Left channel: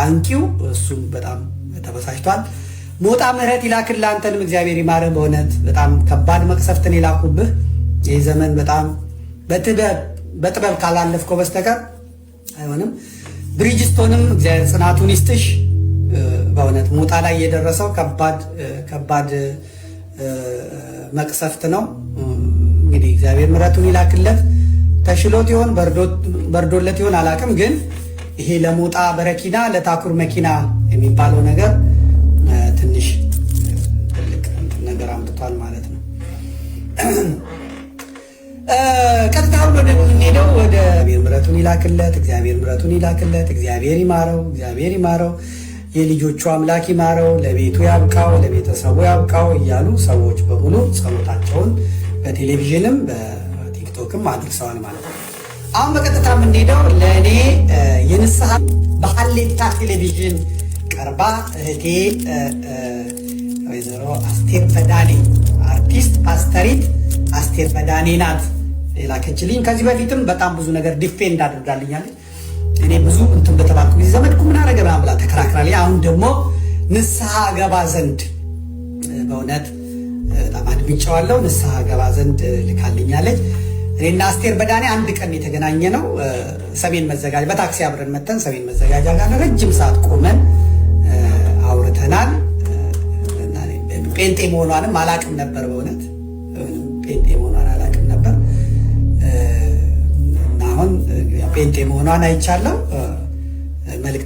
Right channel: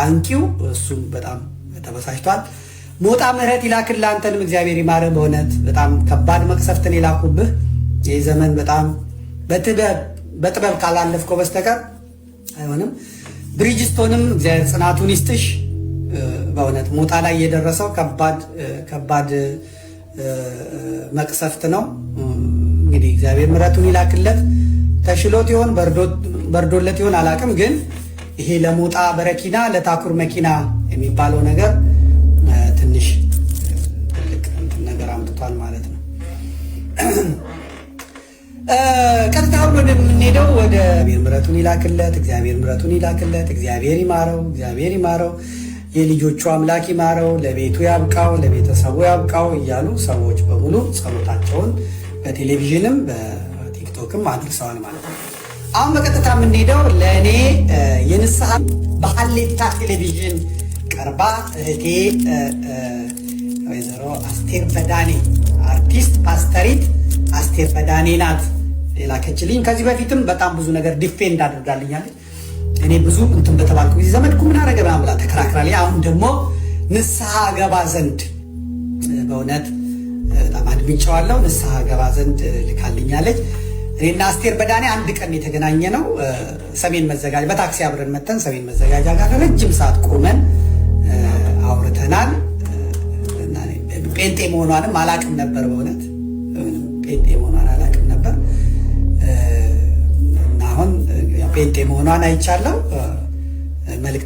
አንቂው እሱም በጣም ተበሳጭቷል። ሞጣ ምህረት ይላክልህ፣ አንተንም እግዚአብሔር ይማርህ። በእውነት በጣም ከባድ መቅሰፍትን የላኩብህ ይህ ዘመን በጣም በጥበብ ካላለፍከው በስተቀር አይሆንም። ብሪጅስቶንም እግዚአብሔር ጽናቱን ይስጥሽ። በእውነት ሞጣ ላይ የደረሰው ከባድ መቅሰፍት ነው። እንግዲህ እግዚአብሔር ምህረቱን ይላክለት። ተሽሎት ይሆን በርዶለት ይሆን አላቅም፣ ግን ይሄ ለሞጣ በረኪና ለታኩር መኪና የሚባለው ነገር ትንሽ ትልቅ ነገር አምጥቷል ማለት ነው። ቀጥታ ብሎ የምንሄደው ወደ እግዚአብሔር ምህረቱን ይላክለት፣ እግዚአብሔር ምህረቱን ይላክለት፣ እግዚአብሔር ይማረው፣ እግዚአብሔር ይማረው፣ የልጆቹ አምላክ ይማረው፣ ለቤቱ ያብቃው፣ ለቤተሰቡ ያብቃው እያሉ ሰዎች በሙሉ ጸሎታቸውን በቴሌቪዥንም በቲክቶክም አድርሰዋል ማለት ነው። አሁን በቀጥታ የምንሄደው ለእኔ የንስሐ በሀሌታ ቴሌቪዥን ቀርባ እህቴ ወይዘሮ አስቴር በዳኔ አርቲስት ፓስተሪት አስቴር በዳኔ ናት የላከችልኝ። ከዚህ በፊትም በጣም ብዙ ነገር ዲፌንድ አድርጋልኛለች። እኔ ብዙ እንትን በተባልኩ ጊዜ ዘመድኩ ምን አረገ ምናምን ብላ ተከራክራለች። አሁን ደግሞ ንስሐ ገባ ዘንድ በእውነት በጣም አድምጬዋለሁ። ንስሐ ገባ ዘንድ ልካልኛለች። እኔና አስቴር በዳኔ አንድ ቀን የተገናኘ ነው። ሰሜን መዘጋጃ በታክሲ አብረን መተን ሰሜን መዘጋጃ ጋር ረጅም ሰዓት ቆመን አውርተናል። ጴንጤ መሆኗንም አላቅም ነበር። በእውነት ጴንጤ መሆኗን አላቅም ነበር። አሁን ጴንጤ መሆኗን አይቻለሁ። መልእክት